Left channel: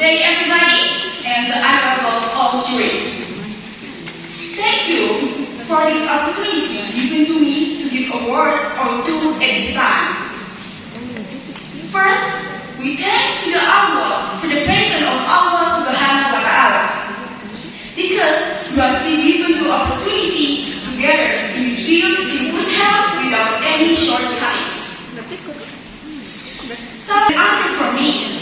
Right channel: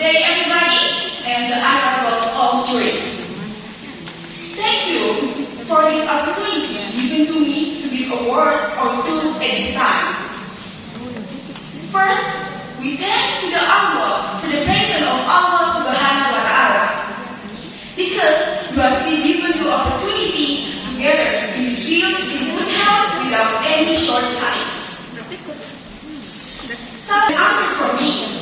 day, everybody, and the honorable all juries. Thank you for this opportunity given to me to this award or two at this time. First, we thank to the Allah for the presence of Allah Subhanahu wa Ta'ala, because you are still given the opportunity together in this field in good health without any shortcomings. So the honor for me,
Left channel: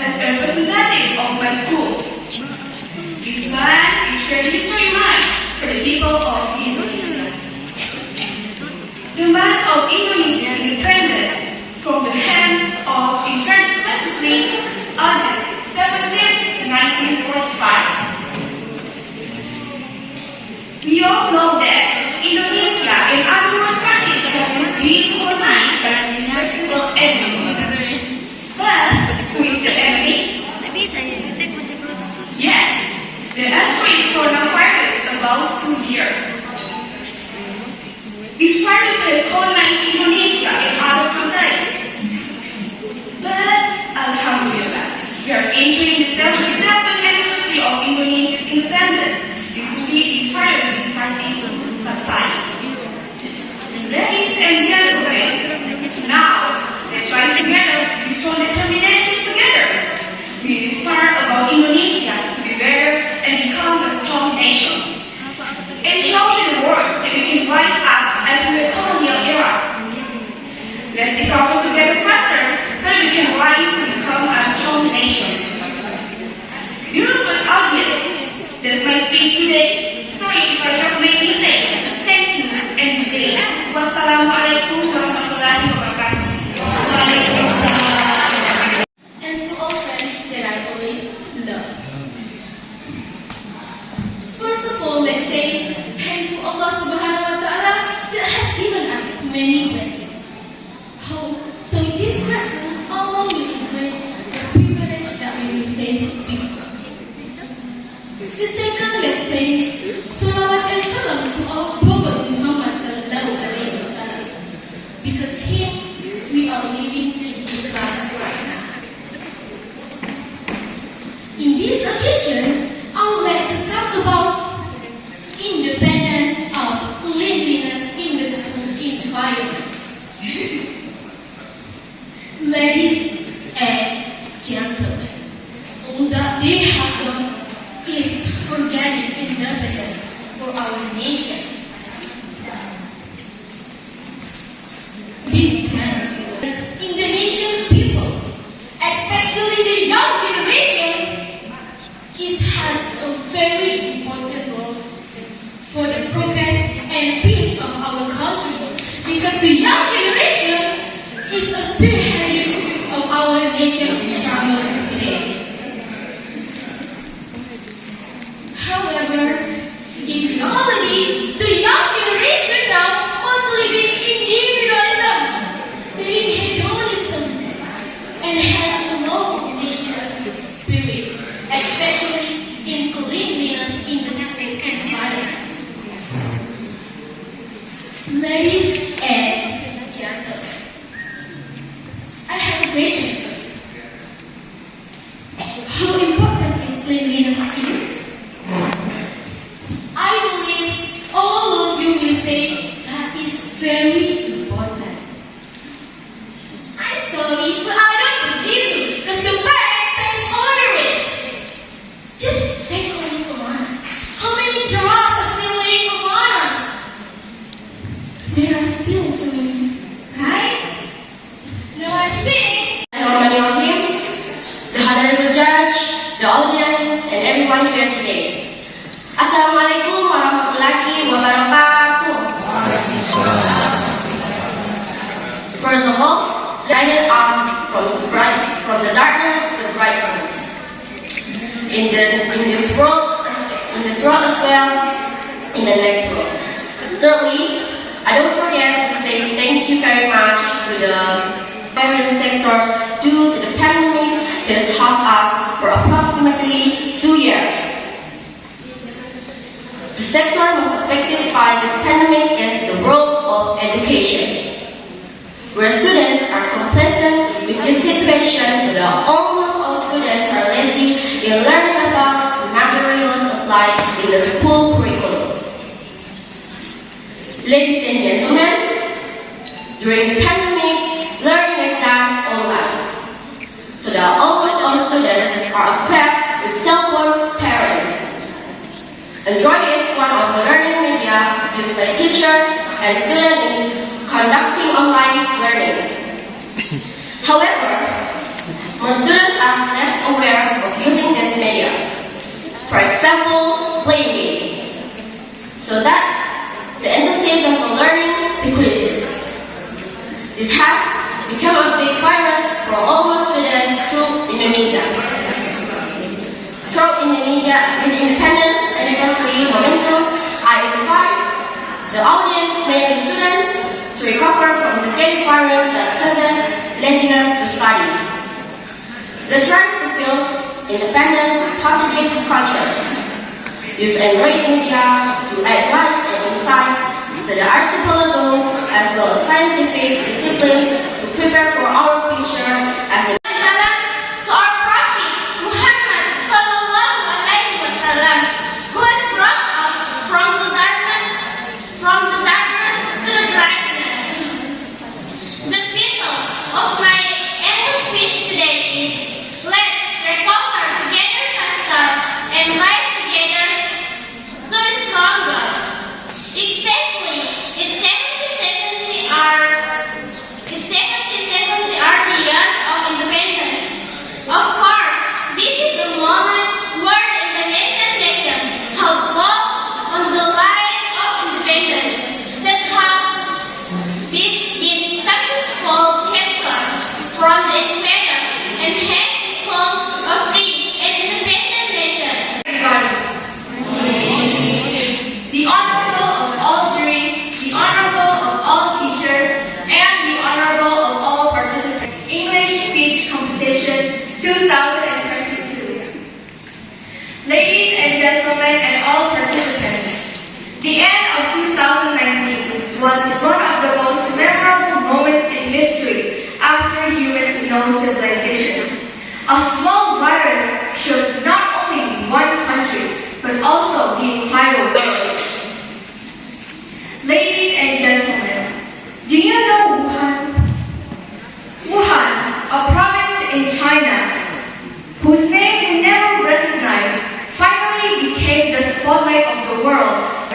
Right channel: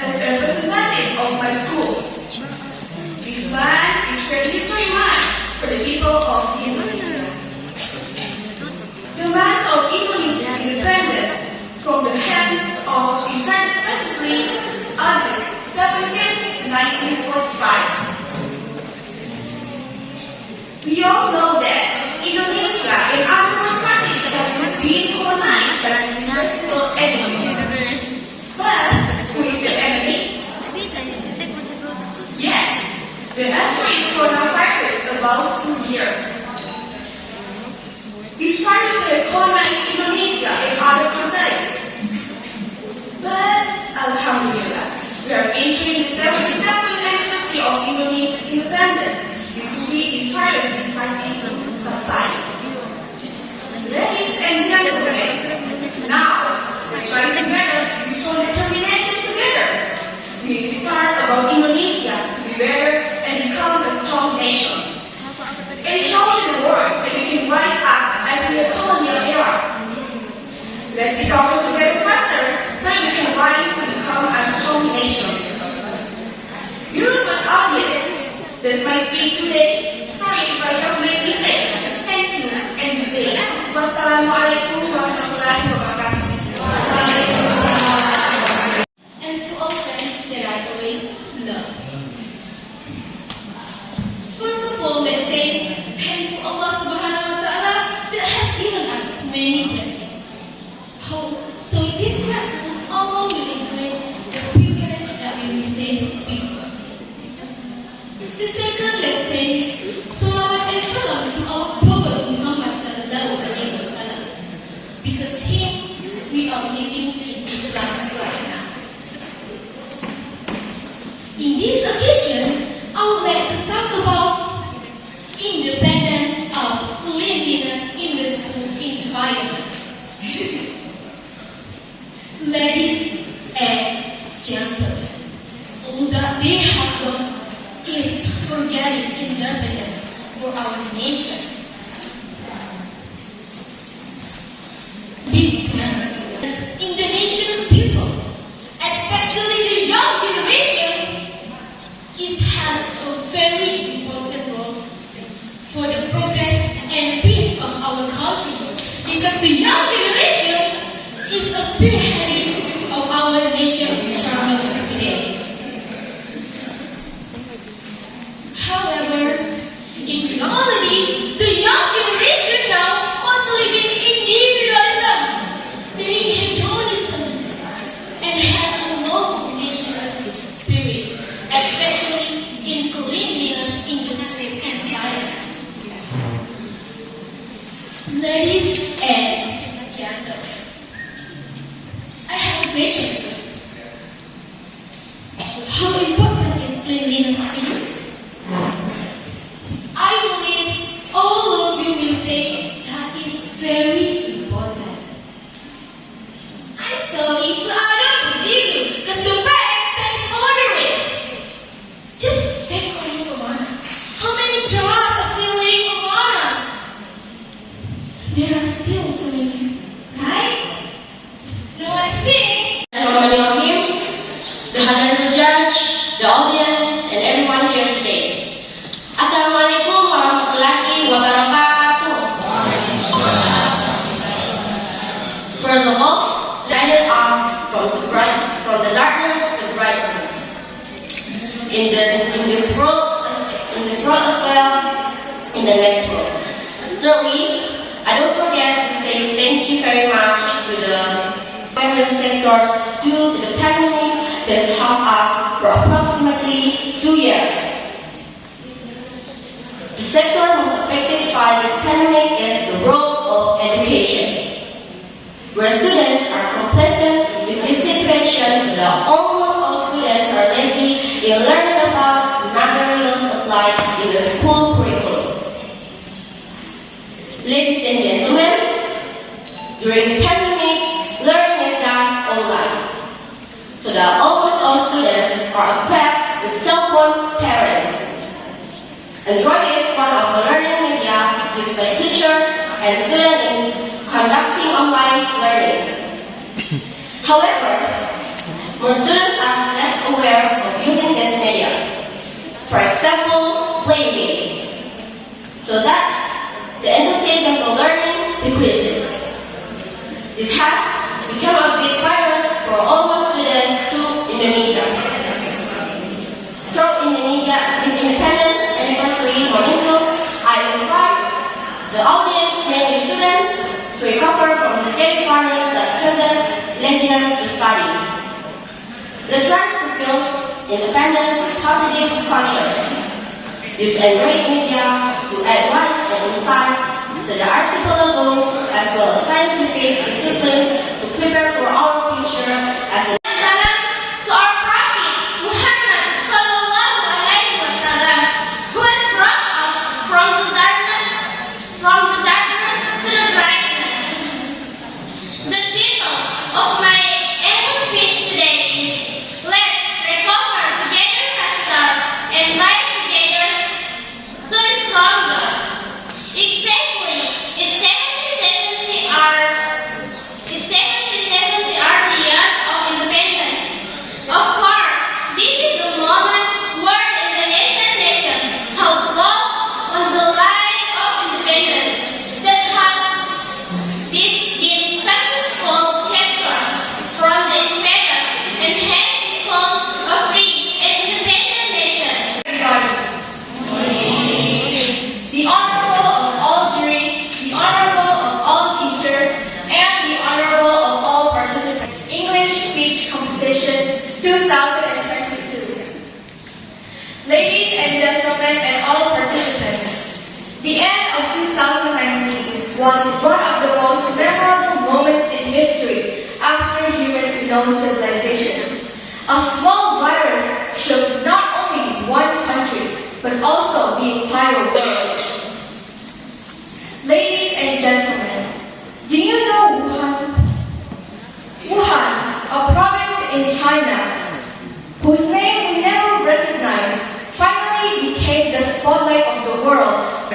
as a representative of my school, this man is History Month for the people of Indonesia. The month of Indonesian independence from the hands of infant specifically August 17, 1945. We all know that Indonesia and other countries have been colonized by the national enemy. But who is the enemy? Yes, the answer is coronavirus about 2 years. This virus has colonized Indonesia and other countries. But Alhamdulillah, we are entering the 77th anniversary of Indonesia's independence. This virus is starting to subside. Ladies and gentlemen, now let's try together to show determination together. We will start about Indonesia to be better and become a strong nation. And show the world that we can rise up as the colonial era. Let's recover together faster so we can rise to become a strong nation. Beautiful audience, that's my speech today. Sorry if I have made mistakes. Thank you and good day. Wassalamualaikum warahmatullahi wabarakatuh. And to all friends that I always love. First of all, let's say thank to Allah Subhanahu wa Ta'ala that has given us many blessings. So in this cartoon, Allah will increase the privilege that we receive before. The second, let's say Salawat and Salam to our Prophet Muhammad Sallallahu Alaihi Wasallam, because him we are living in this life right now. In this occasion, I would like to talk about independence of cleanliness in the school environment. Ladies and gentlemen, all that we have done is forgetting independence for our nation. Independence. Indonesian people, especially the young generation, has a very important role for the progress and peace of our country, because the young generation is a spearhead of our nation's struggle today. However, in reality, the young generation now was living in individualism, living hedonism, and has a low nationalist spirit, especially in cleanliness in the school environment. Ladies and gentlemen, I have a question for you. How important is cleanliness to you? I believe all of you will say that is very important. I'm sorry, but I don't believe you, because the fact says otherwise. Just take a look around us. How many jars are still laying around us? There are still so many, right? Now I think the honorable judge, the audience, and everyone here today. Assalamualaikum warahmatullahi wabarakatuh. First of all, guided us from the darkness to the brightness. In this world as well, in the next world. Thirdly, I don't forget to say thank you very much to the various sectors due to the pandemic that has caused us for approximately 2 years. The sector most affected by this pandemic is the world of education, where students are complacent with these situations while almost all students are lazy in learning about materials applied in the school curriculum. Ladies and gentlemen, during the pandemic, learning is done online. So that almost all students are equipped with cell phone parents. Android is one of the learning media used by teachers and students in conducting online learning. However, most students are less aware of using this media. For example, playing games. So that the enthusiasm for learning decreases. This has become a big virus for almost students through Indonesia. Through Indonesia's independence anniversary momentum, I invite the audience, mainly students, to recover from the deadly virus that causes laziness to study. Let's try to build independence with positive cultures. Use Android media to add rights and insights to the archipelago as well as scientific disciplines to prepare for our future as the To our Prophet Muhammad sallallahu alaihi wasallam, who has brought us from the darkness to the brightness. The title of my English speech today is "Let's recover together faster and rise together to be stronger." It's 70 years of independence. Of course, this is the moment where the Indonesian nation has walked on the line of independence that has been successful chapter from the invaders and has become a free and independent nation. The Honorable of all juries, the Honorable of all teachers, and the Honorable of all participants. English Speech Competition 2022. Ladies and gentlemen and all participants, the end of 2019 was one of the most memorable moments in history after human civilization. A small virus shook not only one country, but also the entire world. Ladies and gentlemen, do you know Wuhan? Wuhan, a province in China, whose name we never recognized, finally became the spotlight of the world.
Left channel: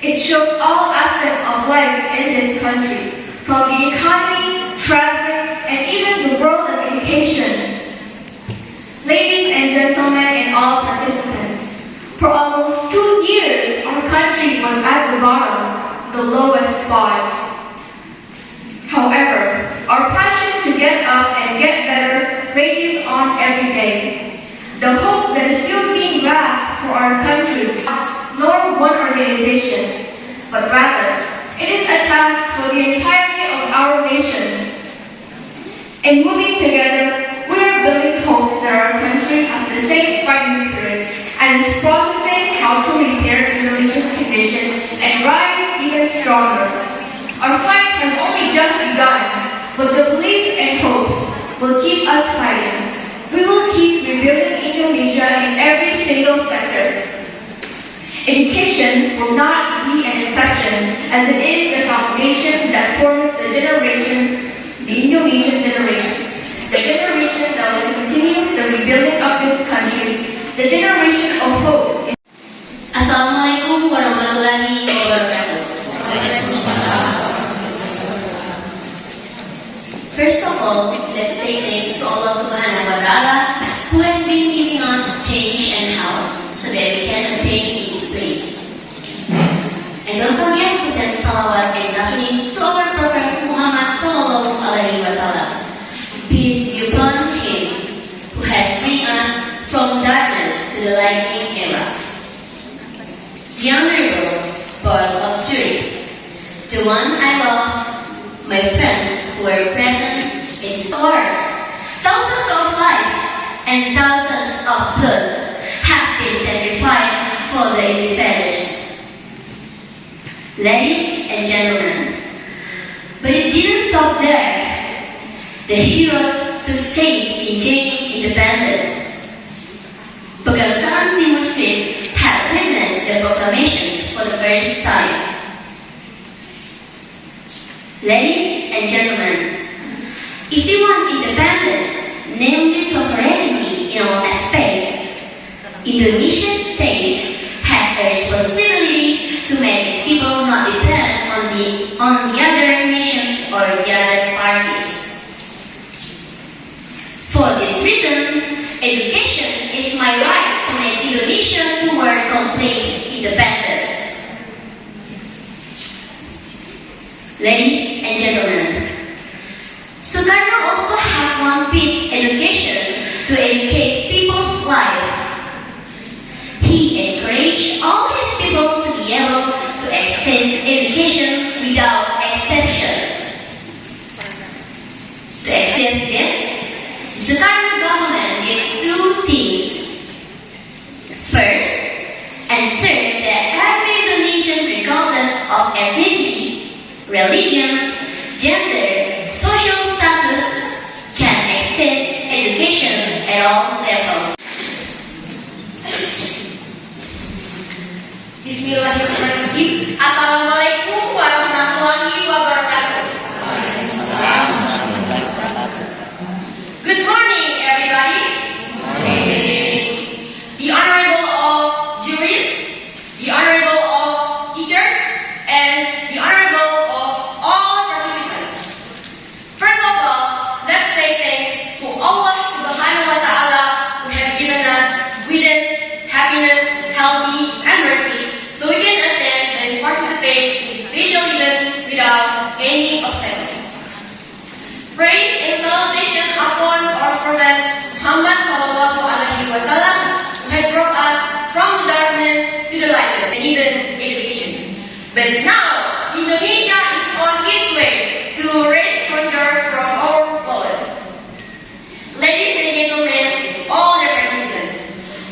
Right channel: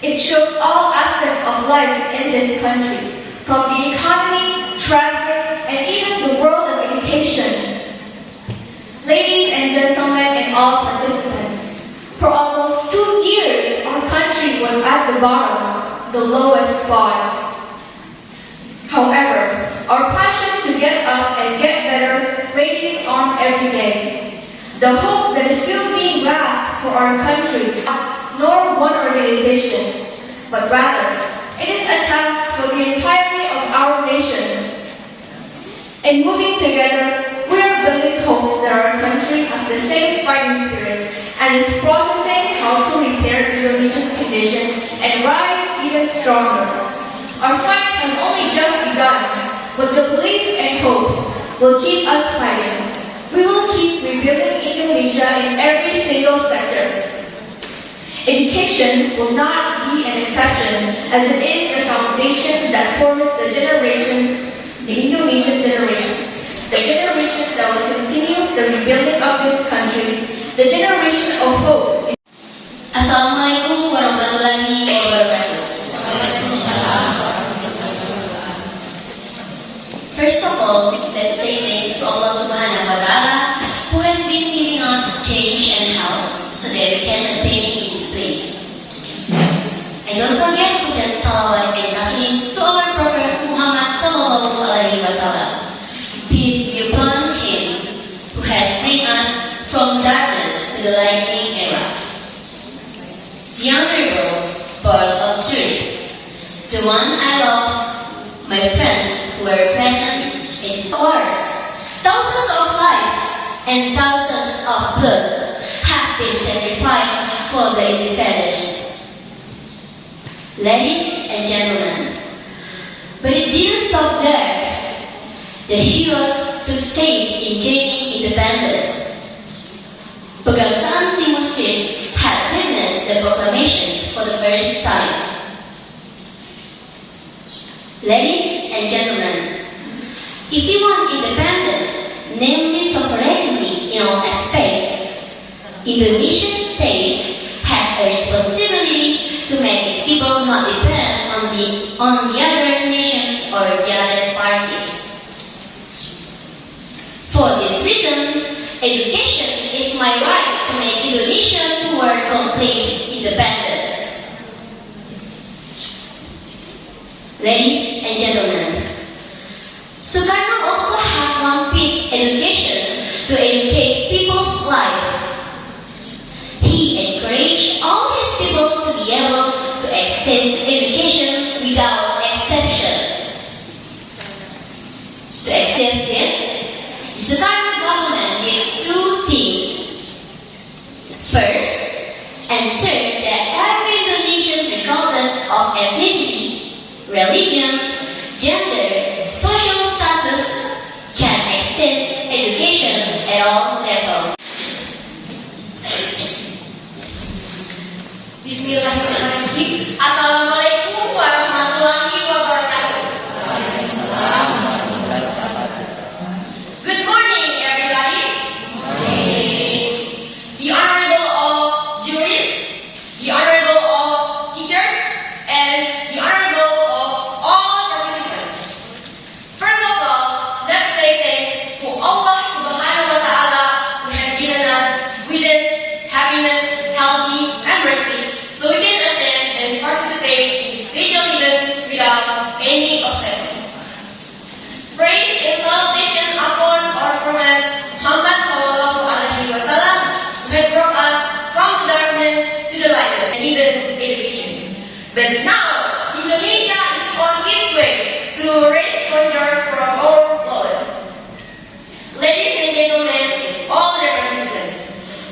It shook all aspects of life in this country, from the economy, traveling, and even the world of education. Ladies and gentlemen and all participants, for almost 2 years, our country was at the bottom, the lowest spot. However, our passion to get up and get better rages on every day. The hope that is still being grasped for our country, nor one organization, but rather, it is a task for the entirety of our nation. In moving together, we are building hope that our country has the same fighting spirit and is processing how to repair Indonesia's condition and rise even stronger. Our fight has only just begun, but the belief and hopes will keep us fighting. We will keep rebuilding Indonesia in every single sector. Education will not be an exception, as it is the foundation that forms the generation, the Indonesian generation. The generation that will continue the rebuilding of this country, the generation of hope. Assalamualaikum warahmatullahi wabarakatuh. First of all, let's say thanks to Allah Subhanahu wa Ta'ala, who has been giving us change and help so that we can attain His place. And don't forget to send salawat and taslim to our Prophet Muhammad sallallahu alaihi wasallam. Peace be upon him who has bring us from darkness to the lightning era. The honorable board of jury, the one I love, my friends who are present in his wars, thousands of lives and thousands of blood have been sacrificed for the independence. Ladies and gentlemen, but it didn't stop there. The heroes succeed in gaining independence. Pegangsaan Timur Street had witnessed the proclamations for the first time. Ladies and gentlemen, if we want independence, namely sovereignty in all aspects, Indonesia's state has a responsibility to make its people not depend on the other nations or the other parties. For this reason, education is my right to make Indonesia toward complete independence. Ladies and gentlemen, Soekarno also had one piece education to educate people's life. He encouraged all his people to be able to access education without exception. To accept this, the Soekarno government did two things. First, ensure that every Indonesian regardless of ethnicity, religion, gender, social status can access education at all levels. Bismillahirrahmanirrahim. Assalamualaikum warahmatullahi wabarakatuh. Good morning, everybody. The Honorable of Juries, the Honorable of Teachers, and the Honorable of all participants. First of all, let's say thanks to Allah Subhanahu wa Ta'ala who has given us goodness, happiness, healthy, and mercy, so we can attend and participate in this special event without any obstacles. Praise and salutation upon our Prophet Muhammad Sallallahu Alaihi Wasallam, who had brought us from the darkness to the light and even education. But now, Indonesia is on its way to raise stronger from our laws. Ladies and gentlemen, all the participants,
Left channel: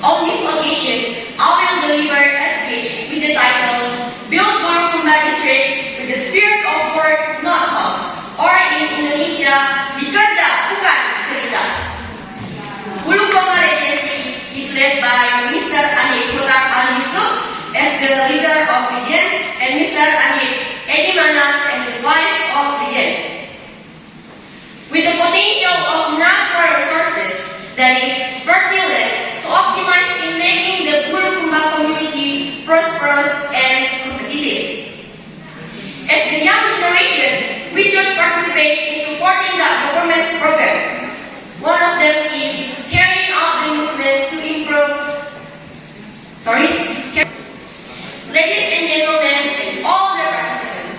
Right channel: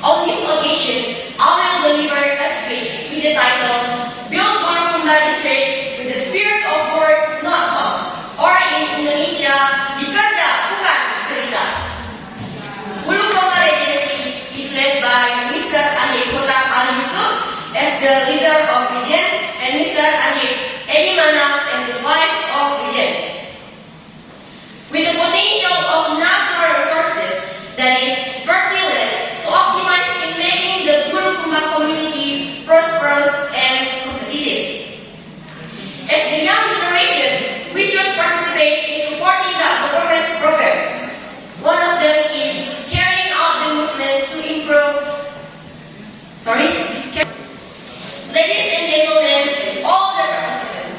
on this occasion, I will deliver a speech with the title Bulukumba District with the spirit of work, not talk, or in Indonesia, dikerja bukan cerita. Bulukumba Regency is led by Mr. Anip Hutak Ali Yusuf as the leader of region and Mr. Anip Edimana as the vice of region. With the potential of natural resources that is fertile to optimize in making the Bulukumba community prosperous and competitive. As the young generation, we should participate in supporting the government's programs. One of them is carrying out the movement to improve. Ladies and gentlemen, and all the participants,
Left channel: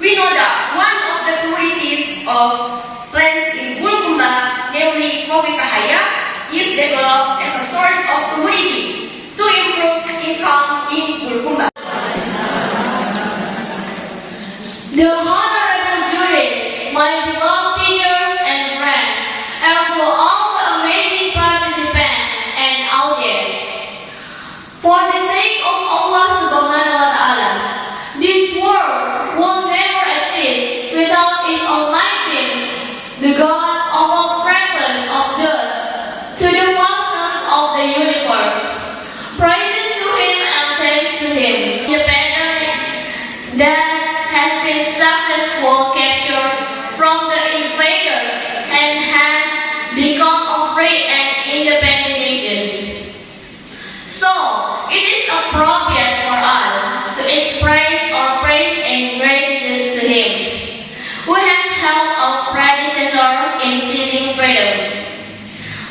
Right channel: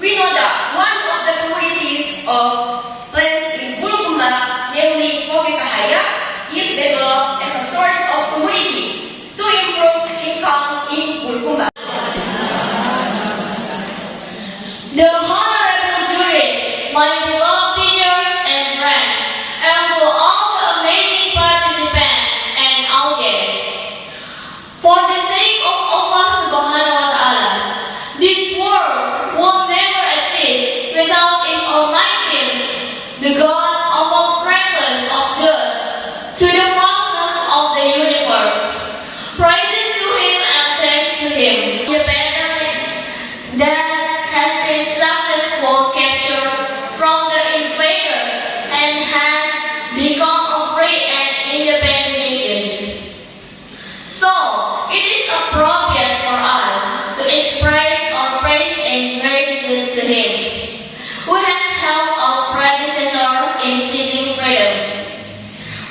we know that one of the priorities of plans in Bulukumba, namely Kopi Kahaya, is developed as a source of commodity to improve income in Bulukumba. The honorable jury, my beloved teachers and friends, and to all the amazing participants and audience. For the sake of Allah Subhanahu wa Ta'ala, this world will never exist without its Almighty, the God of all fragments of dust, to the vastness of the universe. Praises to Him and thanks to Him. The pandemic that has been successful capture from the invaders and has become a free and independent nation. So, it is appropriate for us to express our praise and gratitude to Him, who has helped our predecessor in seizing freedom.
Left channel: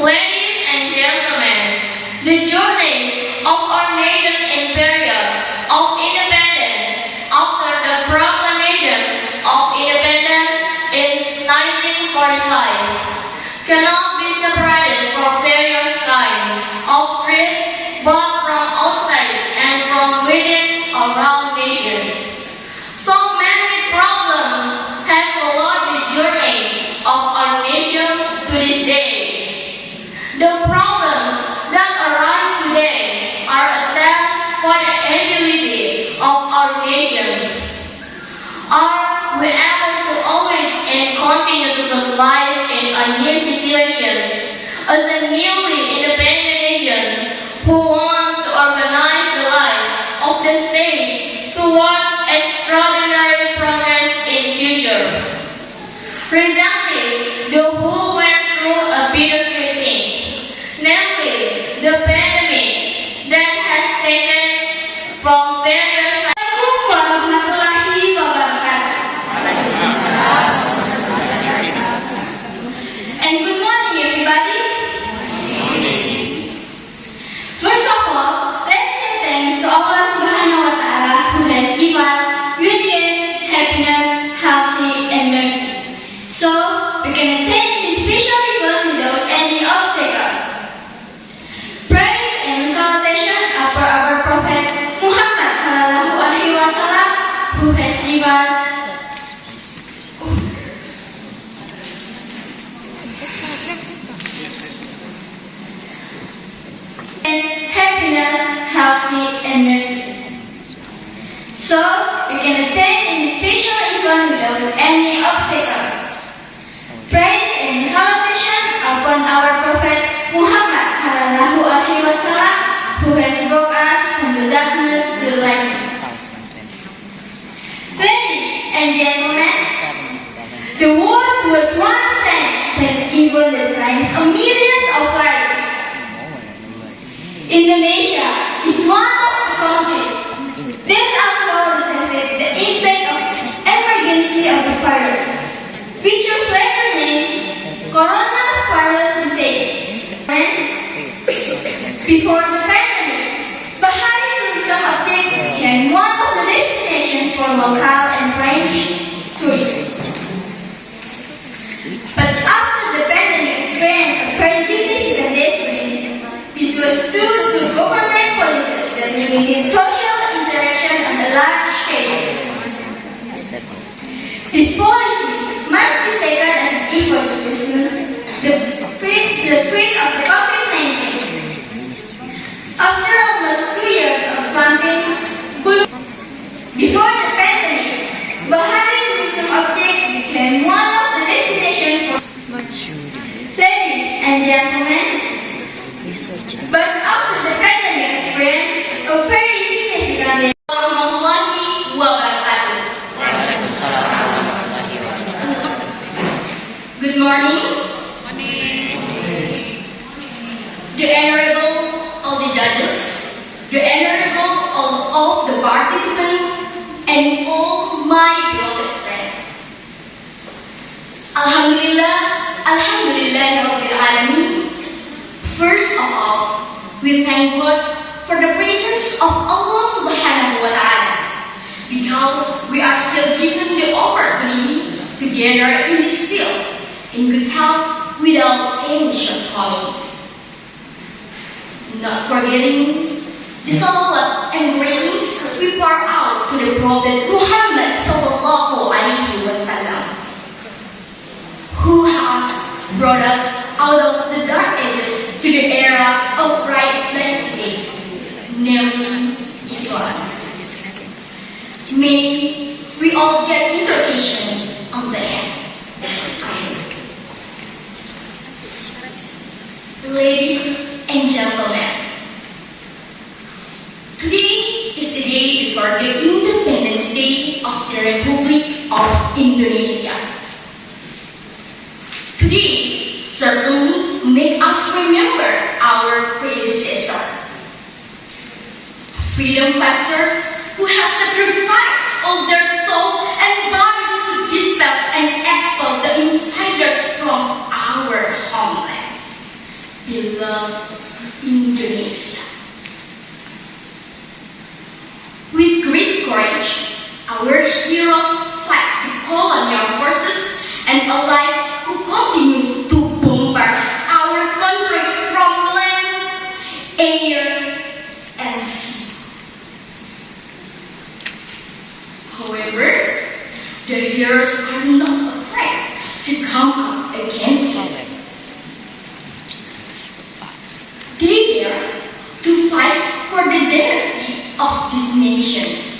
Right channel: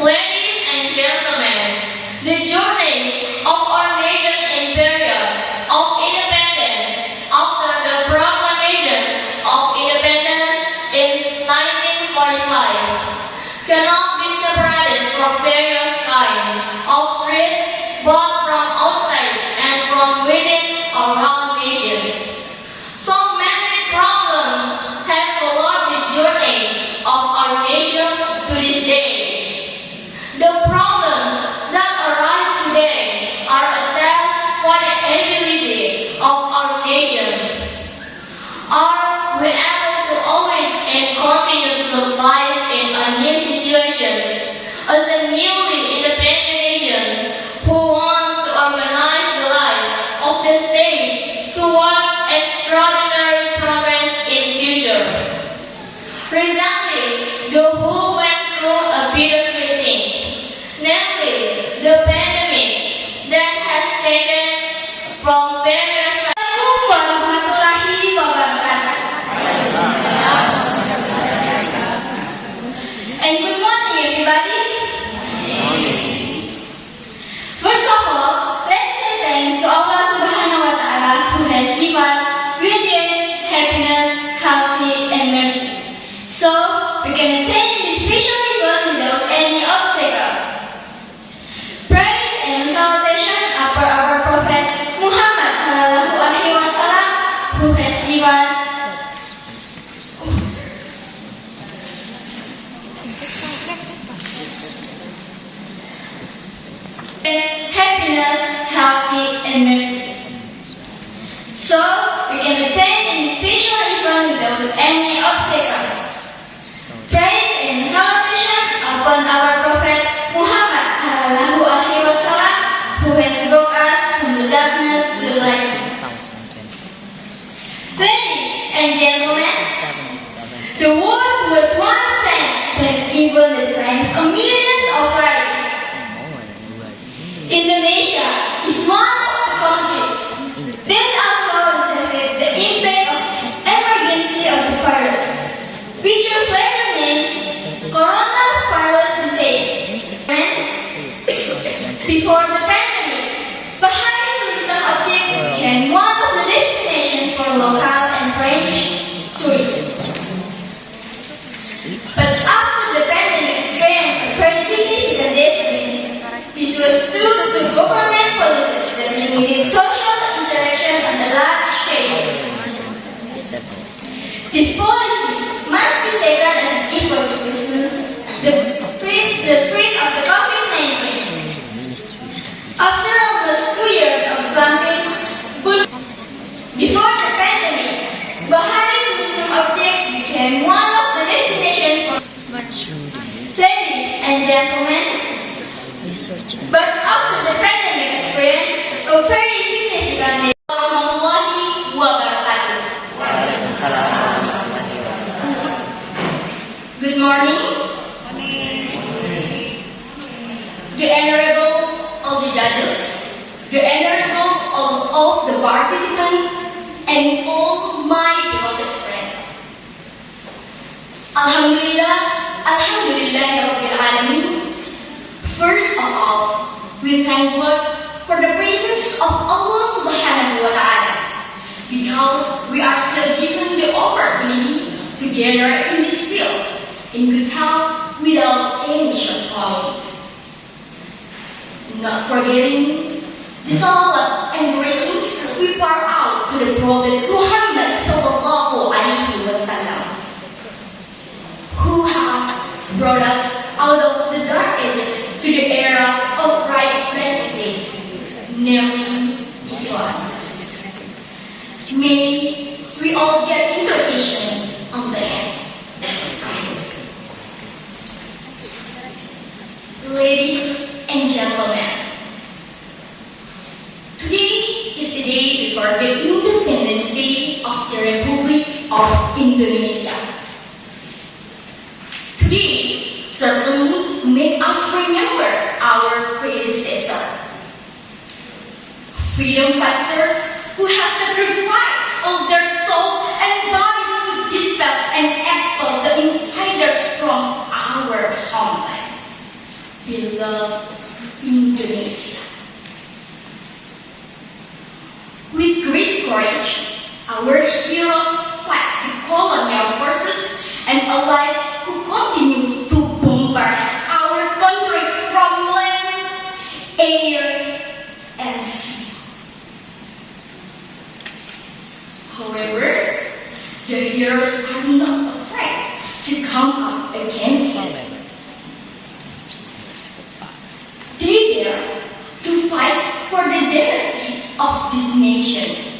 Ladies and gentlemen, the journey of our nation in period of independence after the proclamation of independence in 1945 cannot be separated for various kinds of threat, both from outside and from within our nation. So many problems have followed the journey of our nation to this day. The problems that arise today are a test for the ability of our nation. Are we able to always and continue to survive in a new situation as a newly independent nation the pandemic that has taken from various. Assalamualaikum warahmatullahi wabarakatuh. And good morning, everybody. First of all, let's say thanks to Allah Subhanahu wa Ta'ala who has given us good years, happiness, healthy, and mercy. So we can attend this special event without any obstacle. Praise and salutation are for our Prophet Muhammad Sallallahu Alaihi Wasallam who has given us happiness, healthy, and mercy. So we can attend this special event without any obstacles. Praise and salutation upon our Prophet Muhammad Sallallahu Alaihi Wasallam who has brought us from the darkness to the light. Ladies and gentlemen, the world was once tense when even the times of millions of lives. Indonesia is one of the countries that also suffered the impact of emergency of the virus, which was later named coronavirus disease. Before the pandemic, Bahari tourism objects became one of the destinations for local and French tourists. But after the pandemic experienced a very significant decline, this was due to government policies that limited social interaction on a large scale. This policy must be taken as an effort to lessen the spread of the COVID-19. After almost 2 years of slumping, before the pandemic, Bahari tourism objects became one of the destinations for ladies and gentlemen. But after the pandemic experience, a very significant warahmatullahi wabarakatuh. Good morning. The Honorable all the judges, the Honorable all of the participants, and all my beloved friends. Alhamdulillah, Alhamdulillah Rabbil Alamin. First of all, we thank God for the presence of Allah Subhanahu wa Ta'ala because we are still given the opportunity to gather in this field in good health without any shortcomings. Not forgetting the salawat and greetings we pour out to the Prophet Muhammad Sallallahu Alaihi Wasallam, who has brought us out of the dark ages to the era of bright light today, namely Islam. May we all get introduction on the end. Ladies and gentlemen, today is the day before the Independence Day of the Republic of Indonesia. Today certainly make us remember our predecessor, freedom fighters who have sacrificed all their souls and bodies to dispel and expel the invaders from our homeland, beloved Indonesia. With great courage, our heroes fight the colonial forces and allies who continue to bombard our country from land, air, and sea. However, the heroes are not afraid to come up against them. They dare to fight for the dignity of this nation.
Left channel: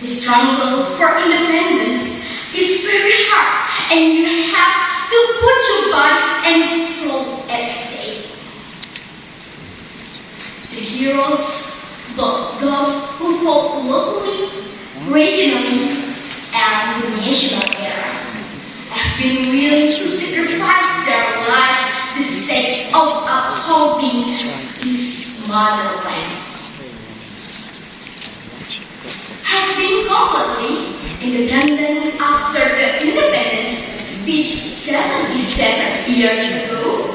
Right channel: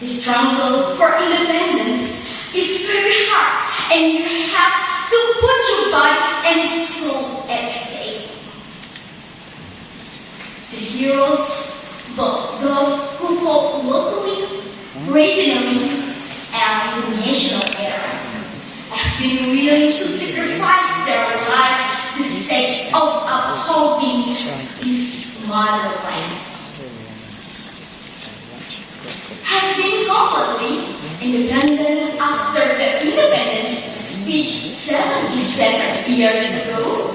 The struggle for independence is very hard, and you have to put your body and soul at stake. The heroes, both those who fought locally, regionally, and the national era, have been willing to sacrifice their lives to the sake of upholding upholding this motherland has been completely independent after the independence speech 77 years ago.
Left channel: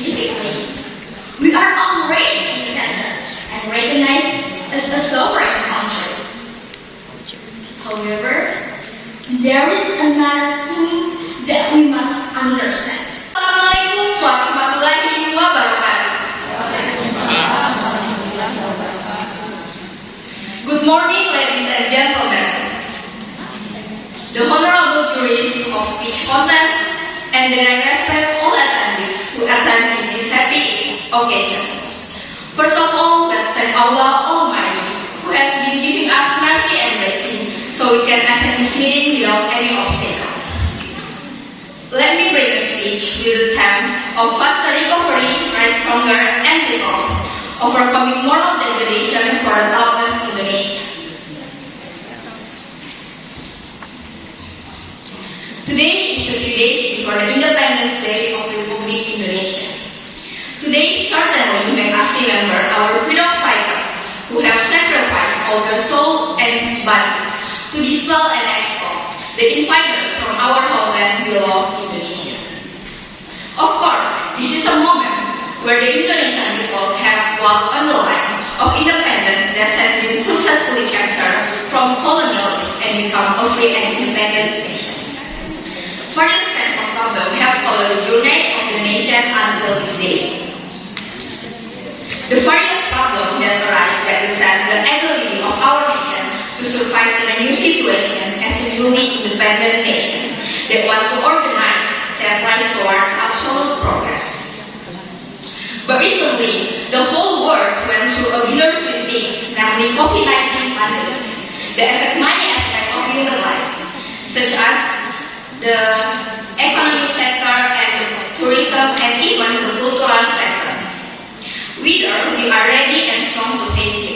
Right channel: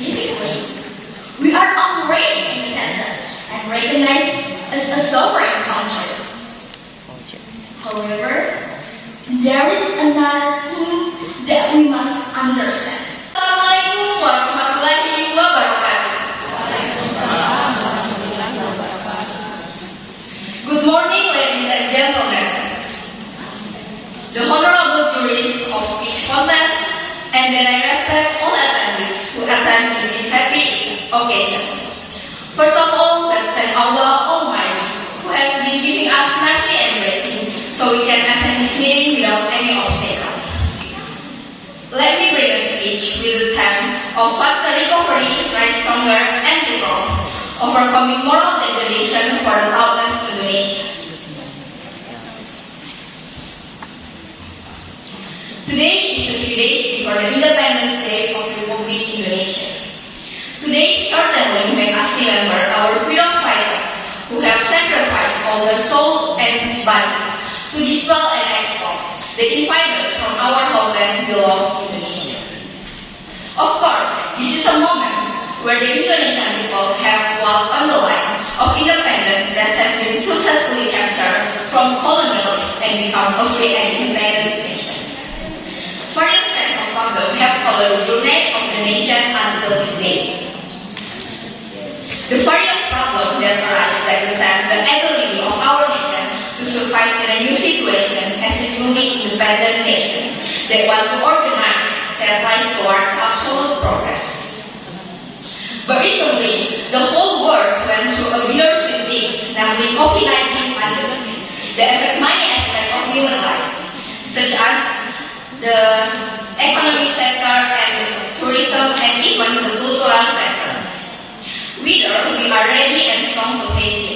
Physically, we are already independent and recognized as a sovereign country. However, there is another thing that we must understand. Assalamualaikum warahmatullahi wabarakatuh. Good morning, ladies and gentlemen. The honorable juries of speech contest, and then I respect all attendees who attend in this happy occasion. First of all, let's thank Allah Almighty, who has been giving us mercy and blessing, so we can attend this meeting without any obstacle. Let me bring a speech with the theme of faster recovery, rise stronger, and reform, overcoming moral degradation for a topless Indonesia. Today is 50 days before the Independence Day of Republic Indonesia. Today certainly makes us remember our freedom fighters who have sacrificed all their soul and bodies to dispel and expel the invaders from our homeland beloved Indonesia. Of course, this is a moment where the Indonesian people have walked on the line of independence that has been successfully captured from colonialists and become a free and independent nation. Various kinds of problems have followed the journey of the nation until this day. The various problems that arise that will test the ability of our nation to survive in a new situation as a newly independent nation that want to organize their life towards absolute progress. But recently, the whole world went through a bittersweet things, namely COVID-19 pandemic, that affect many aspects of human life, such as the economic sector and the tourism and even the cultural sector. Whether we are ready and strong to face